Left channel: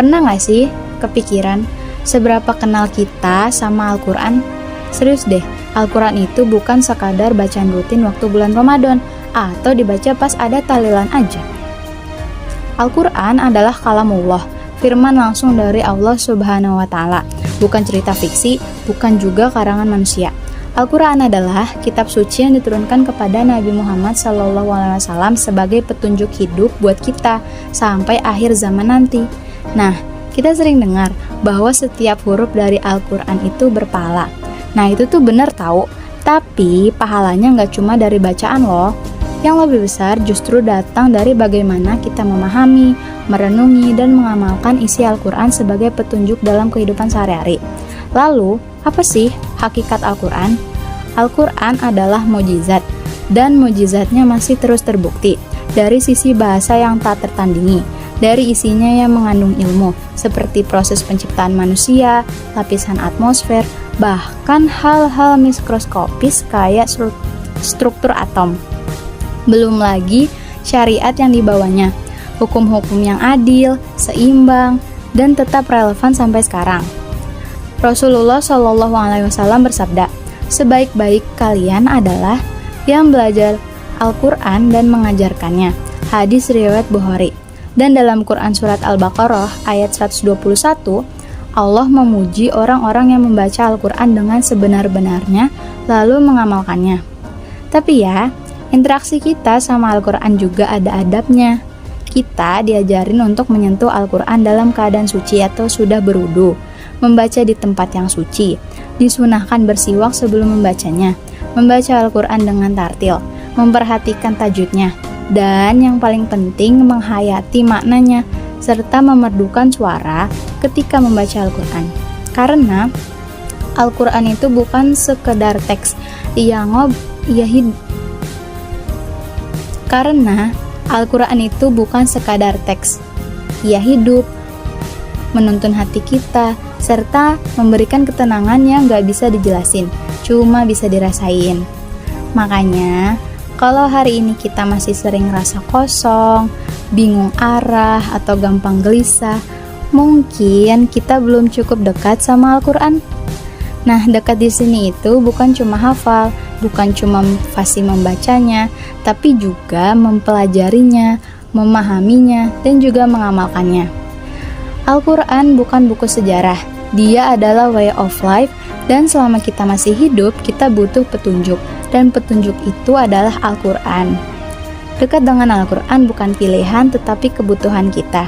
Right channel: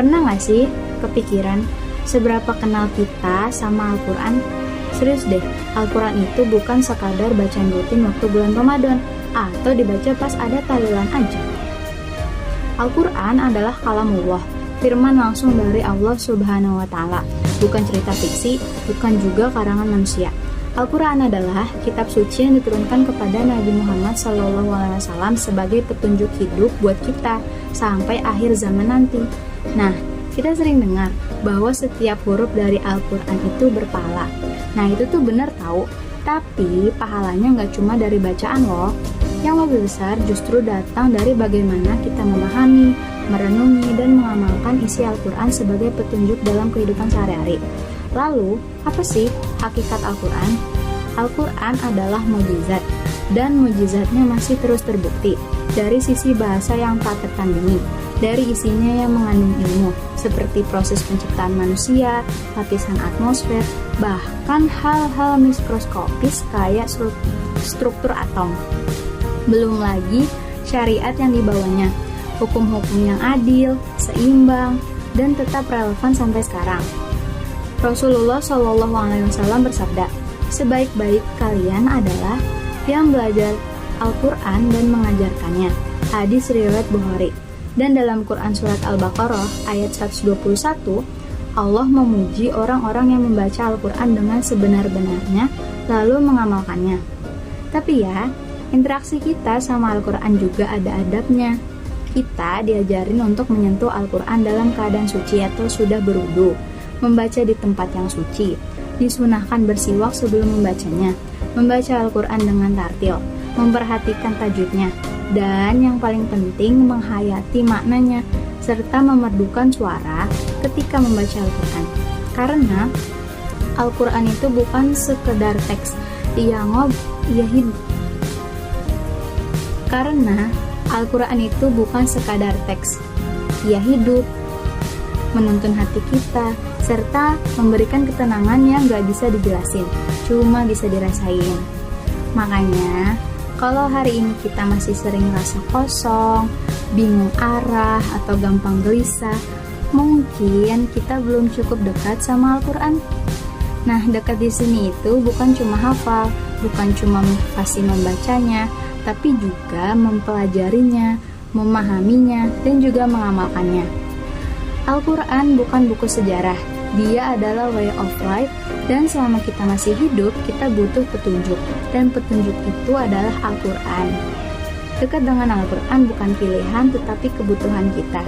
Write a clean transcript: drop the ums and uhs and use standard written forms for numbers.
Pernah gak sih kepikiran seberapa kenal kita sama Al-Quran? Serius deh, Al-Quran itu bukan sekadar bacaan rutin waktu bulan Ramadan atau dibaca pas ada tahlilan aja. Al-Quran adalah kalamullah, firman langsung dari Allah Subhanahu wa Ta'ala, bukan cerita fiksi, bukan juga karangan manusia. Al-Quran adalah kitab suci yang diturunkan kepada Nabi Muhammad SAW sebagai petunjuk hidup buat kita sampai akhir zaman nanti. Nah, kita sering dengar bahwa setiap huruf dari Al-Quran itu berpahala. Nah, itu tuh benar tahu, tapi pahalanya nggak cuma dari bacaan loh. Yang lebih besar justru datang dari bagaimana kita memahami, merenungi, dan mengamalkan isi Al-Quran sebagai petunjuk dalam kehidupan sehari-hari. Lalu, apa sih hakikat Al-Quran? Al-Quran adalah mukjizat, dan mukjizatnya masih terus terbukti dari sisi bahasa yang tak tertandingi, dari isinya yang mengandung ilmu, seperti proses penciptaan manusia, lapisan atmosfer, bahkan hal-hal mikroskopis kayak struktur atom. Belum lagi syariat yang dibawanya, hukum-hukum yang adil, seimbang, dan tetap relevan sampai sekarang. Rasulullah SAW bersabda, sebaik-baik kalian adalah yang belajar Al-Quran dan mengajarkannya. Hadis riwayat Bukhari. Dan dalam Quran surat Al-Baqarah ayat 121, Allah memuji orang-orang yang membaca Al-Quran dengan sebenar-benarnya lalu mengamalkannya. Tapi ya, interaksi kita sama Al-Quran juga ada adabnya. Kita diajarin untuk menyentuh Al-Quran dalam keadaan suci atau sudah berwudu, membaca di tempat yang suci, disunahkan bersiwak sebelum membacanya, membaca Al-Quran dengan tartil, memperhatikan tajwidnya, dan yang paling penting menghayati maknanya, serta memerdukan suara ketika membaca Al-Quran. Karena Al-Quran itu bukan sekedar teks, Karena Al-Quran itu bukan sekadar teks, ia hidup, menuntun hati kita, serta memberikan ketenangan yang gak bisa dijelasin, cuma bisa dirasain. Makanya, kalau hari ini kita masih sering rasa kosong, bingung arah, atau gampang gelisah, mungkin kita belum cukup dekat sama Al-Quran. Nah, dekat di sini itu bukan cuma hafal, bukan cuma fasih membacanya, tapi juga mempelajarinya, memahaminya, dan juga mengamalkannya. Al-Quran bukan buku sejarah, dia adalah way of life, dan selama kita masih hidup, kita butuh petunjuk, dan petunjuk itu adalah Al-Quran. Dekat dengan Al-Quran bukan pilihan, tetapi kebutuhan kita.